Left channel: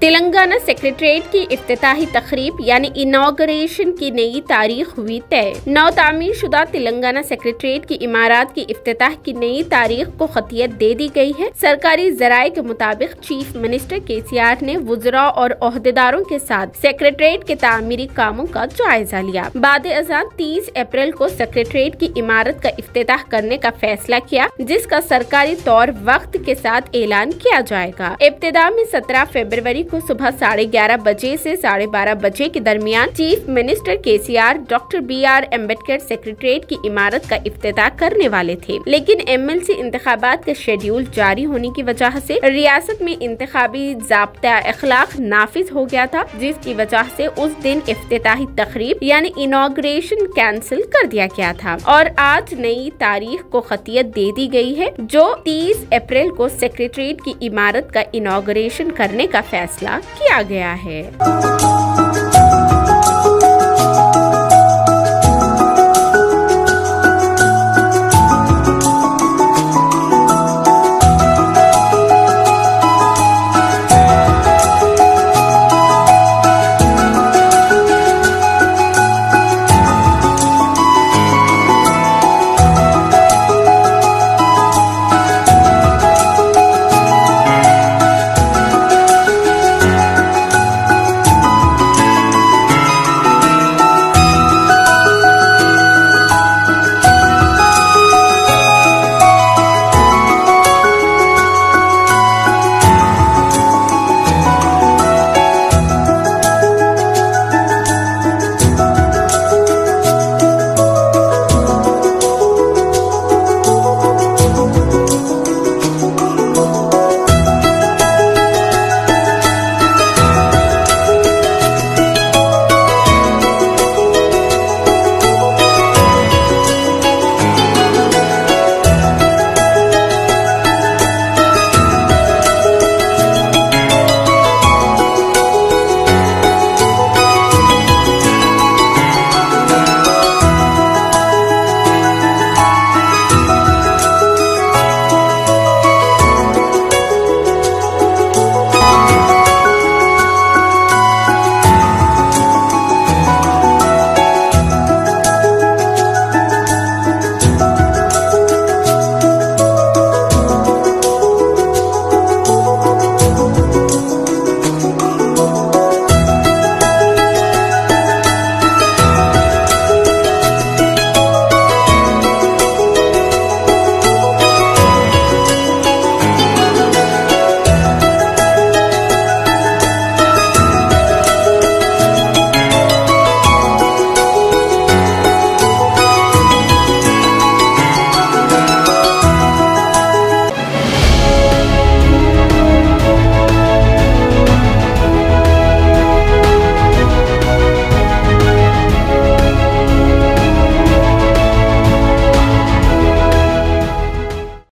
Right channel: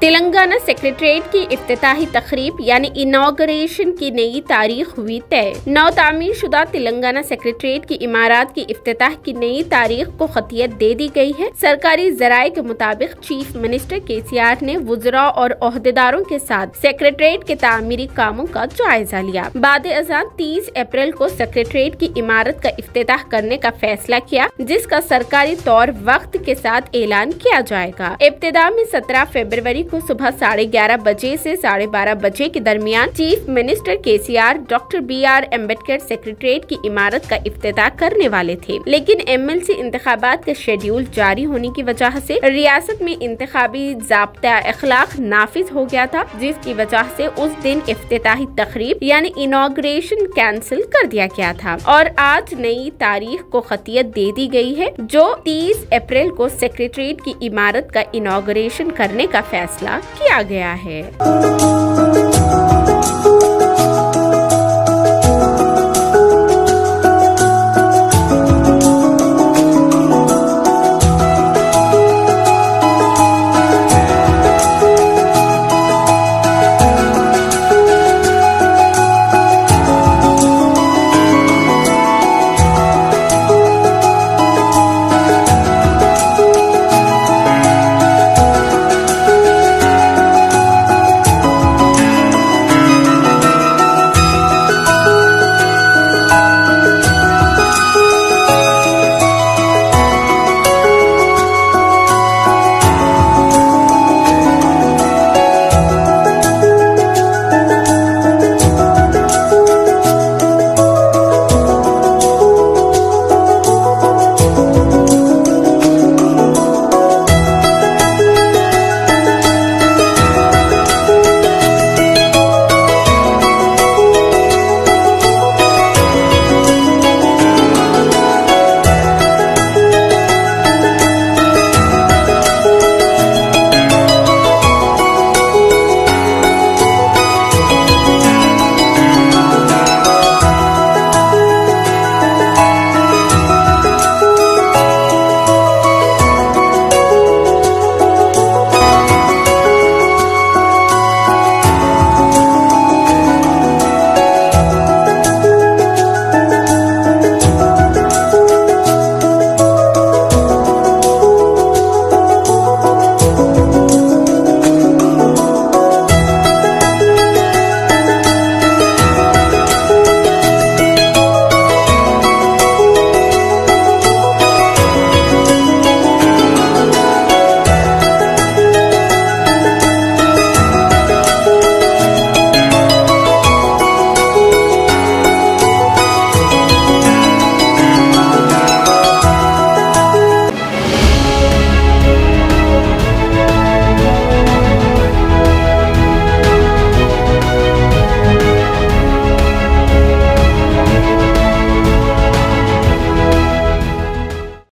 Telangana secretariat की इफ्तिताही तकरीब यानी इनॉग्रेशन की नई तारीख हुई तय। नौ तामीर शुदा तेलंगाना सेक्रेटरीट की इमारत की इफ्तिताह की नई तारीख को खतियत दे दी गई है। सरकारी जराये के मुताबिक चीफ मिनिस्टर KCR ने वुज़रा और ओहदेदारों के साथ सेक्रेटरीट के तामीरी कामों का जायजा लिया। बाद अज़ान 30 अप्रैल को सेक्रेटरीट की इमारत का इफ्तिताह करने का फैसला किया, जिसका सरकारी तौर वक्त के साथ ऐलान किया जाएगा। इब्तिदा में 17 फरवरी को सुबह 11:30 बजे से 12:30 बजे के दरमियान chief minister KCR doctor BR Ambedkar secretariat की इमारत का इफ्तिताह करने वाले थे, लेकिन MLC इंतखाबात का शेड्यूल जारी होने की वजह से रियासत में इंतखाबी ज़ाब्ता अखलाक नाफिज हो गया था, जिसकी वजह से उस दिन इफ्तिताही तकरीब यानी इनॉग्रेशन कैंसिल कर दिया गया था और आज नई तारीख को खतियत दे दी गई है, जो 30 अप्रैल को सेक्रेटरीट की इमारत का इनॉग्रेशन करने का फैसला किया गया है।